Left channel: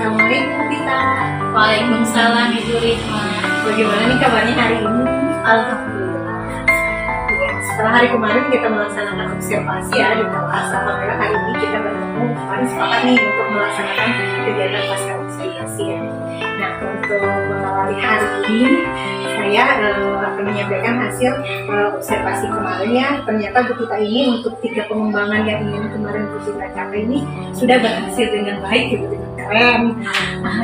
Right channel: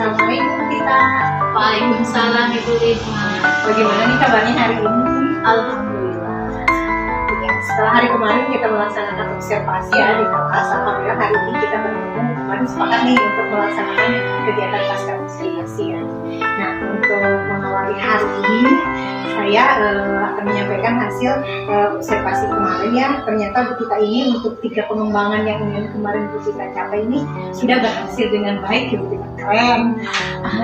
Assalamualaikum Tita. Waalaikumsalam Ibu Rihma. Bagaimana nih kabarnya hari ini? Alhamdulillah. Ya, setelah hari kemarin kita melaksanakan observasi ya di kelas, alhamdulillah hari ini kita bertemu. Kemarin sepakat nih untuk melaksanakan kegiatan pasca observasi ya. Nah, untuk mengawali hari ini saya akan menyampaikan hasil observasi kemarin ya. Ternyata Bu Tita ini untuk 3 pengembangan yang ingin kemarin Bu Tita capai ini sudah berhasil dengan baik ya Bu Tita. Keren.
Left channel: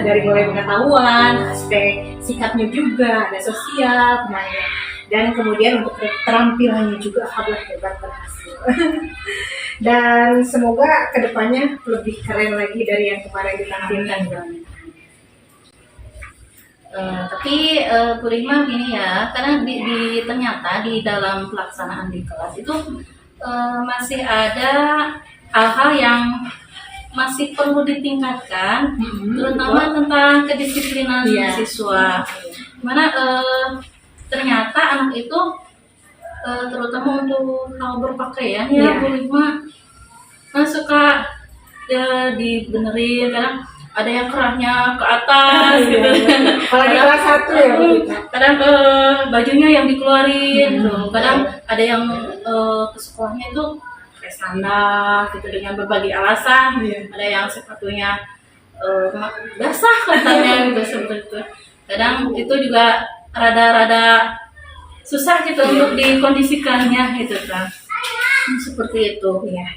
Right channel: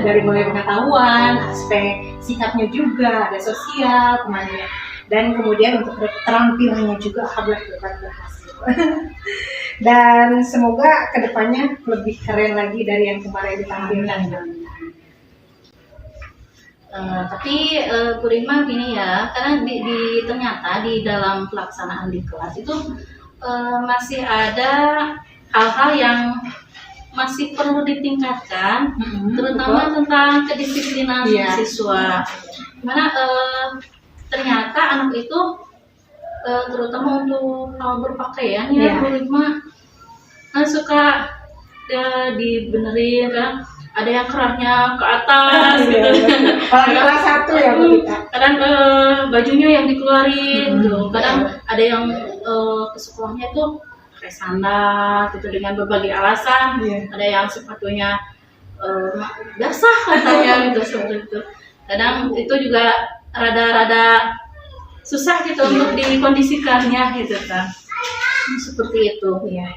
Dari mulai pengetahuan, aspek sikapnya juga, ada sosial kemarin. Dan kemudian untuk keterampilannya juga alhamdulillah berhasil. Dan semoga kedepannya lebih keren lagi dari yang kemarin ditampilkan. Tapi Bu Rihma gini ya, karena ternyata di dalam pelaksanaan di kelas itu masih ada hal-hal yang masih perlu ditingkatkan, terutama tentang kedisiplinan siswa. Mana ternyata anak itu terutama untuk hal berpakaian ya Bu Rihma suka dibenerin, kadang ada yang kerahnya ke atas gitu. Kalau di kelas 1 ya Bu Tita. Kadang bajunya yang dikeluarin tuh. Kadang ada yang ke sekolahnya tuh pakai sandal gitu dengan berbagai alasan. Ada yang sepatunya basah katanya gitu seperti itu. Kadang itu juga rada-rada susah gitu untuk dikondisikannya gitu kan. Seperti itu ya.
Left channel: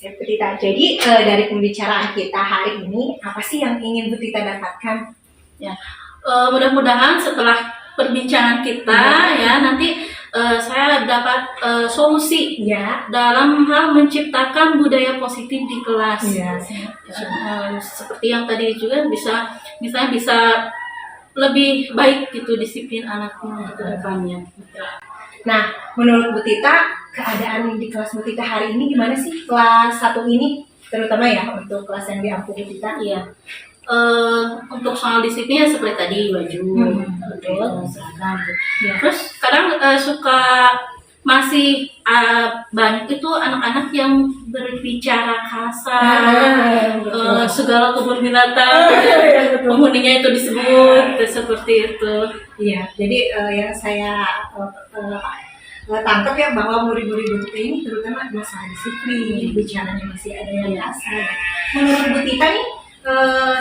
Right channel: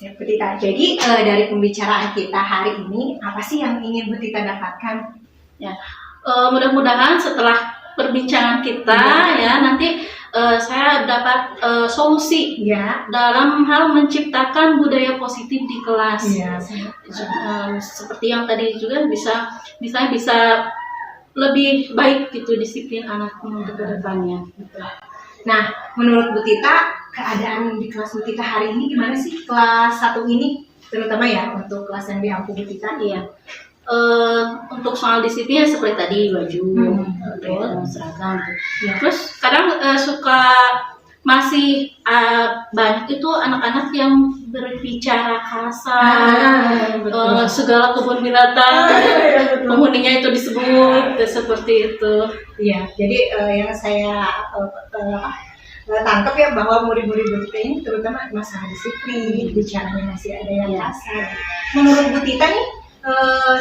Siap Bu Tita. Jadi dari pembicaraan kita hari ini apa sih yang ingin Bu Tita dapatkan? Ya, mudah-mudahan setelah perbincangan kita ya nanti saya dapat solusi dalam hal menciptakan budaya positif di kelas. Seperti yang tadi juga misalnya bisa lebih baik gitu disiplin anaknya untuk kedepannya. Nah, menurut Bu Tita, keadaan di kelas Bu Tita hari ini gimana sih? Kelas 1 ini, terutama ya untuk kelas yang diampu Bu Tita. Iya. Untuk soal disiplinnya seperti tadi baju, seragam. Terus kadang suka masih banyak itu anak-anak yang berbicara kasar, segala kebun binatang, penghuninya itu disebut seperti itu. Iya, jadi yang saya tangkap ya bahwa murid-murid Bu Tita ini terutama masalah disiplin, bicaranya masih ada yang kasar. Menurut Bu Tita nih,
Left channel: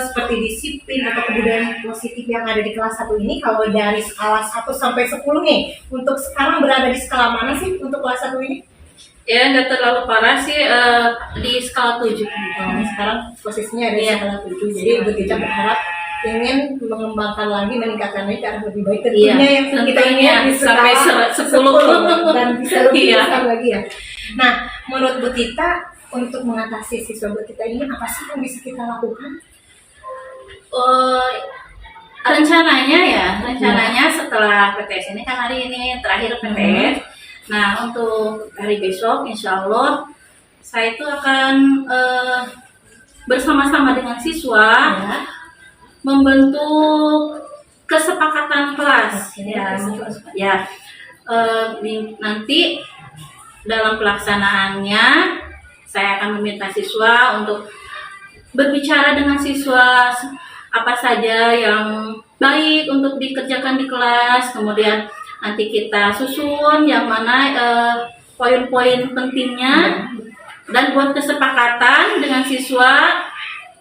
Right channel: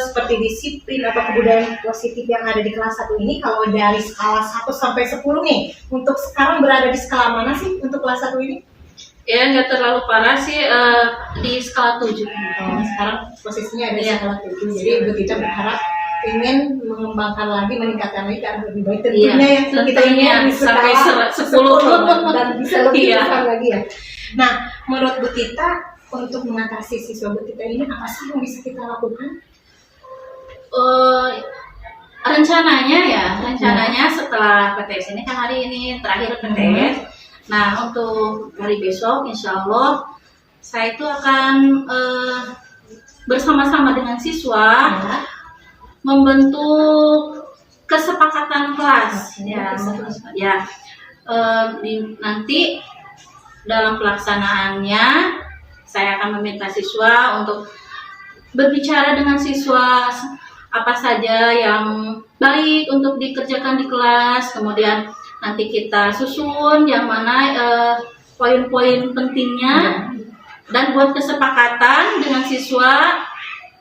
seperti disiplin atau kebudayaan positif yang ada di kelas 1 ini, kalau dari skala 1 sampai 10 nih, untuk sekarang berada di skala mana sih untuk kelas 1 ini? Ya nggak terlalu parah sih, di skala 7. Sekarang posisinya ada di skala 7, jadi Bu Tita berharap ingin mengembangkan lagi, meningkatkan lagi ke arah lebih baik tentunya yang kita ingin sampai 10 dan bisa lebih besar lagi ya. Nah, menurut Bu Tita untuk mengatasi siswa Bu Tita ini apa sih yang bisa kita lakukan? Rencananya setelah PTS ini kan hari ini terakhir PTS. Nah untuk hari besok insya Allah saya itu akan bersama-sama dengan siswa membentuk kesepakatan kelas. Nanti dalam pelaksanaannya saya akan meminta siswa untuk berbicara dengan siswa apa saja yang baik untuk dikerjakan di kelas, kemudian nanti kita susun yang mana poin-poin pentingnya dan buat kesepakatan dengan siswa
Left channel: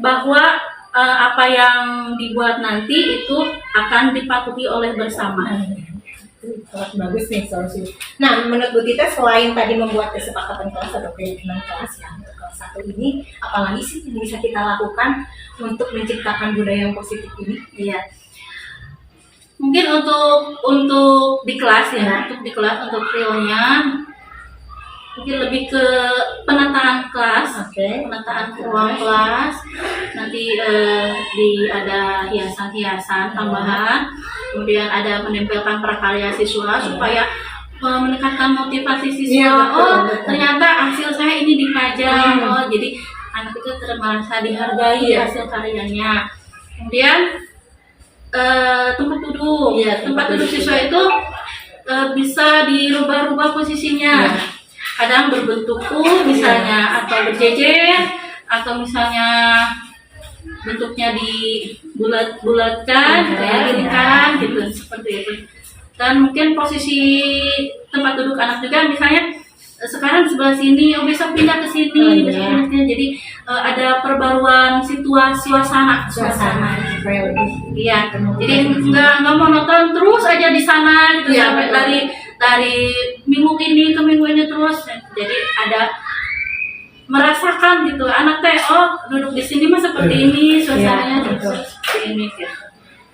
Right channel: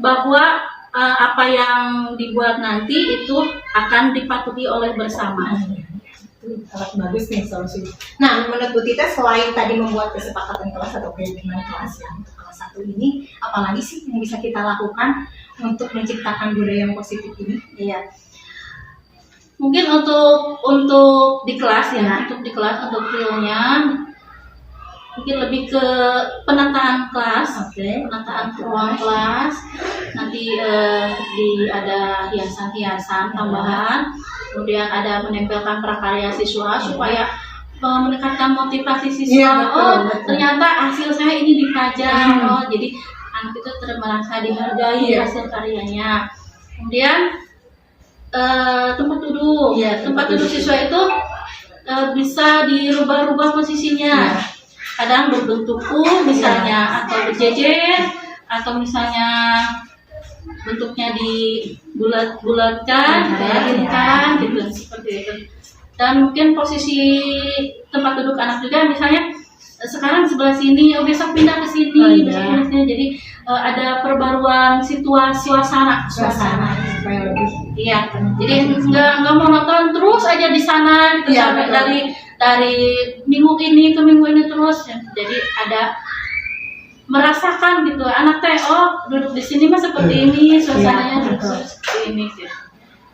bahwa apa yang dibuat nanti itu akan dipatuhi oleh bersama. Sangat bagus nih solusi. Nah, menurut Bu Tita selain tadi membuat kesepakatan kelas atau keyakinan kelas ya untuk kelas 1 ini, apalagi sih yang bisa kita lakukan untuk menciptakan budaya yang positif ini? Iya. Mungkin untuk di kelas untuk realnya mungkin lebih ke penataan kelas, penataan ruang kelas. Nanti ada hiasan-hiasan tambahan. Kemudian ada menempelkan prakarya siswa supaya meningkatkan motivasi siswa. Ternyata hasil saya ini dipajang. Jadi anak itu merasa dihargai hasil karyanya. Kemudian tempat duduk siswa itu bisa dirubah-rubah posisinya. Kadang berbentuk U misalnya atau berjejer atau misalnya bentuknya di bulat-bulatkan, gitu ya, di lingkaran gitu, seperti itu. Dan mungkin posisi tempat duduk anak juga, misalnya sekarang di sebelah sini, oh besok pindah ke sini, besok pindah ke sini. Jadi ada perbaruan suasana supaya lebih. Iya, jadi nggak monoton terus aja di sana gitu, Iya, sampai betul. dari minggu ini ke minggu ini terus. Jadi ada merasakan gitu, anak teh oh duduk di sini mah seperti ini, suasananya betul. seperti ini gitu.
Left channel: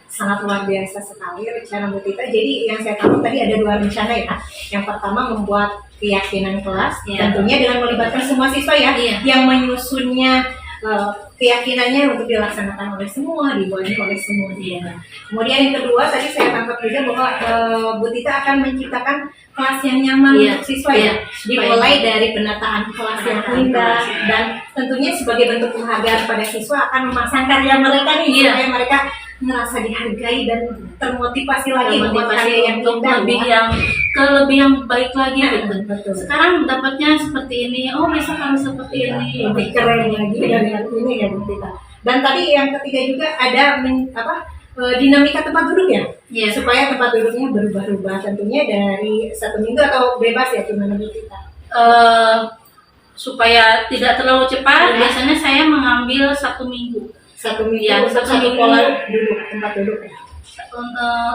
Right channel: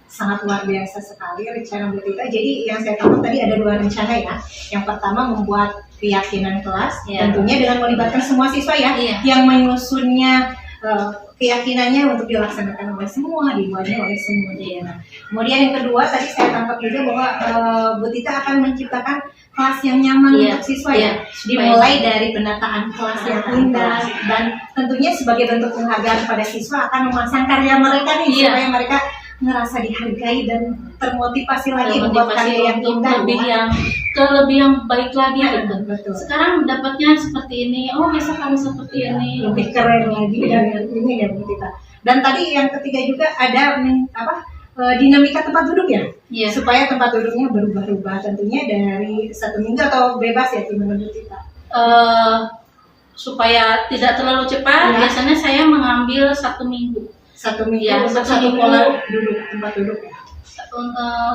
Sangat luar biasa sekali rencana Bu Tita. Jadi yang saya tahu tadi ada 2 rencana ya. Yang pertama membuat keyakinan kelas, tentunya dengan melibatkan semua siswa ya, yang menyusunnya keyakinannya untuk dilaksanakan oleh semua, dibuatnya oleh semua. Nah, kemudian yang kedua tadi saya tangkap juga bahwa Bu Tita akan menciptakan kelas yang nyaman untuk siswa ya, dimulai dari penataan kelas yang indah, dan tentunya sebagai bentuk penghargaan pada siswa akan memasang karya mereka nih supaya mereka ngerasa dihargai dan termotivasi lagi membuat karya yang indah, lebih yang baik lagi gitu. Betul. Sekarang dapatnya seperti ini, oh besok harus seperti ini, lebih keren lagi dari ini ya Bu Tita. Dan tadi yang ketiga juga ada dinamika tempat duduk ya, supaya tempat duduknya berubah-ubah, tentunya dari 1 minggu atau bebas ya, gimana Bu Tita? Supaya tidak terlalu cepat, biasanya saya mengambil 1 minggu. 1 minggu untuk satu pola duduk, tempat duduk ya.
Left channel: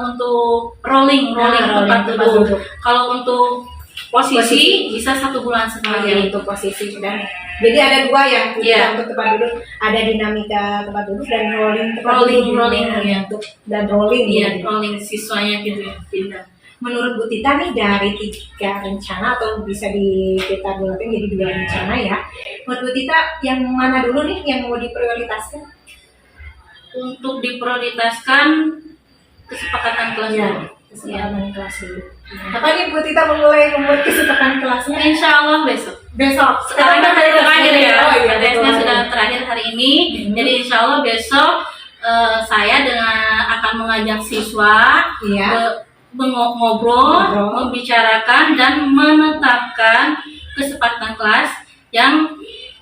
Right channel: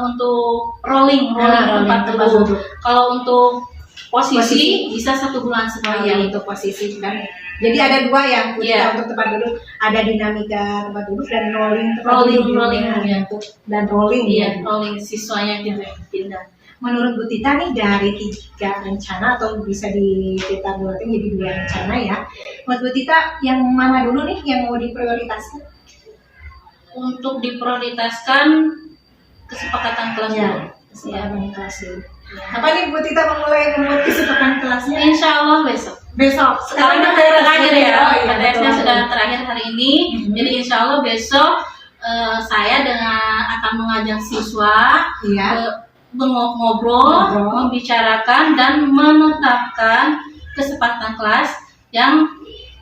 Untuk rolling tempat duduk. Kalau untuk posisi bisa 1 bulan sekali. Untuk posisi, dan jadi ada 2 yang untuk tempat duduk, ada dinamika tempat duduk dan rolling dan rolling siswanya gitu ya, pindah. Menurut Bu Tita nih, dari 3 rencana atau bisa kita bulatin jadi 2 rencana ya, menurut Bu Tita yang mana dulu nih yang mau diprioritaskan? Untuk diprioritaskan kesepakatan kelas dulu. Kesepakatan kelas dulu. Kapan nih Bu Tita membuat kesepakatan kelasnya? Insya Allah besok. Sekarang kan hari terakhir ya, KTS-nya sudah terakhir hari ini. Jadi insya Allah besok saya akan mengajak siswa ngobrol, membicarakan dan menetapkan kesepakatan kelas yang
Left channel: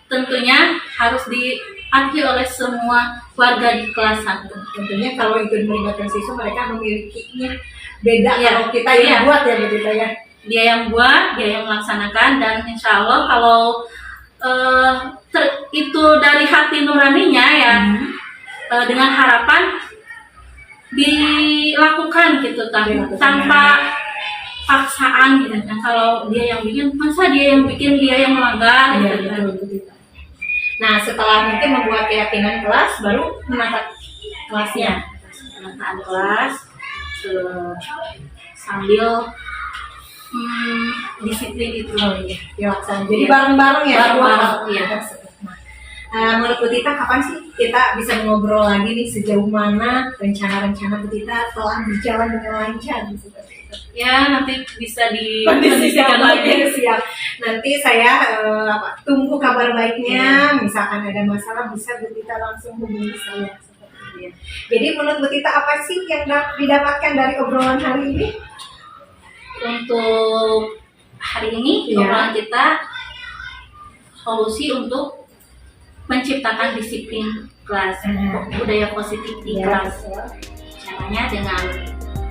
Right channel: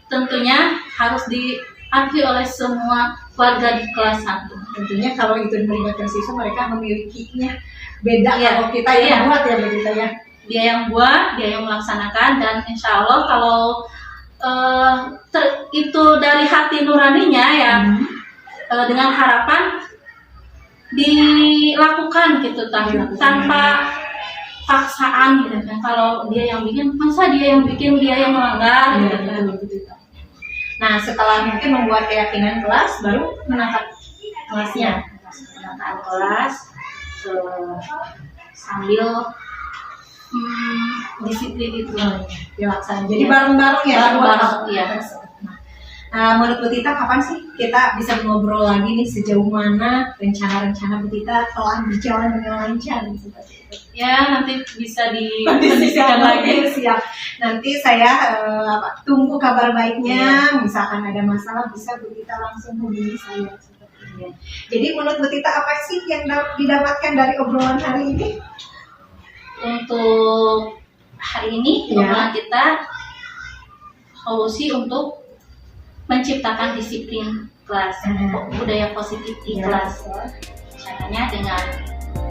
tentunya harus diakui oleh semua warga di kelas 1. Tentunya kalau itu melibatkan siswa, mereka memilikinya beda kalau kita yang buat ya begitu ya. Dia yang buat, dia yang melaksanakan, dan insya Allah kalau itu dari hati nuraninya ya, dengan harapan dilakukan gitu tanpa paksaan gitu kan. Kalau dia yang bikin, masa dia yang bikin, dia yang melanggar gitu kan. Nah, setelah mungkin membuat keyakinan kelas, baru menatap kelasnya. Penataan kelas sambil disiplin itu dilaksanakan. Jadi bareng-bareng ya. Menurut Bu Tita, kapan sih kita bisa ngobrol lagi nih sejauh mana rencana-rencana Bu Tita telah berjalan dengan lancar seperti itu? Ya, nanti bisa dikondisikan lagi. Siap. Nanti saya tunggu kabar baiknya. Misalkan ada masalah, bisa Bu Tita langsung hubungi saya seperti itu. Jadi menurut Bu Tita, apa sih yang didapatkan dari obrolan hari ini? Untuk hari ini obrolan kita solusi untuk menciptakan disiplin kelas, budaya positif di kelas. Caranya dengan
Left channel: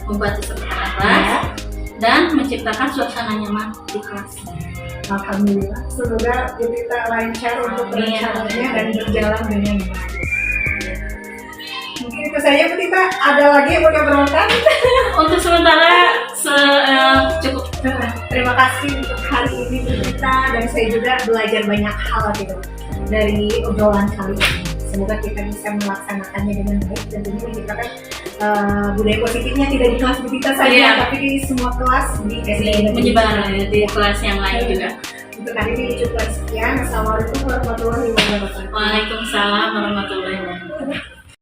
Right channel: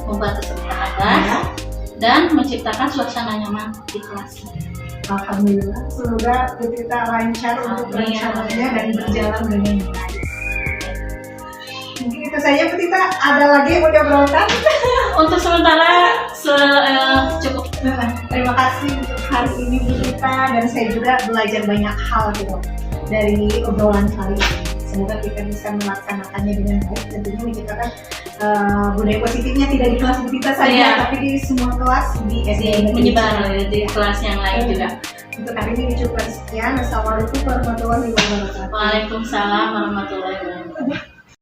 membuat kesepakatan kelas dan menciptakan suasana nyaman di kelas. Alhamdulillah, semoga Bu Tita lancar untuk rencananya dan berjalan dengan baik. Mungkin itu saja Bu Tita, ada lagi yang mau diobrolkan? Untuk sementara cukup. Terima kasih untuk hari ini Bu Tita, dan saya juga belajar banyak hal gitu dari obrolan kali ini. Semoga kita bisa melaksanakannya dengan baik, tentunya menciptakan budaya positifnya tidak di kelas Bu Tita saja, tapi di semua kelas di SD, menyebar di kelas yang lain juga. Untuk hari ini cukup sekian. Assalamualaikum warahmatullahi wabarakatuh. Waalaikumsalam warahmatullahi wabarakatuh.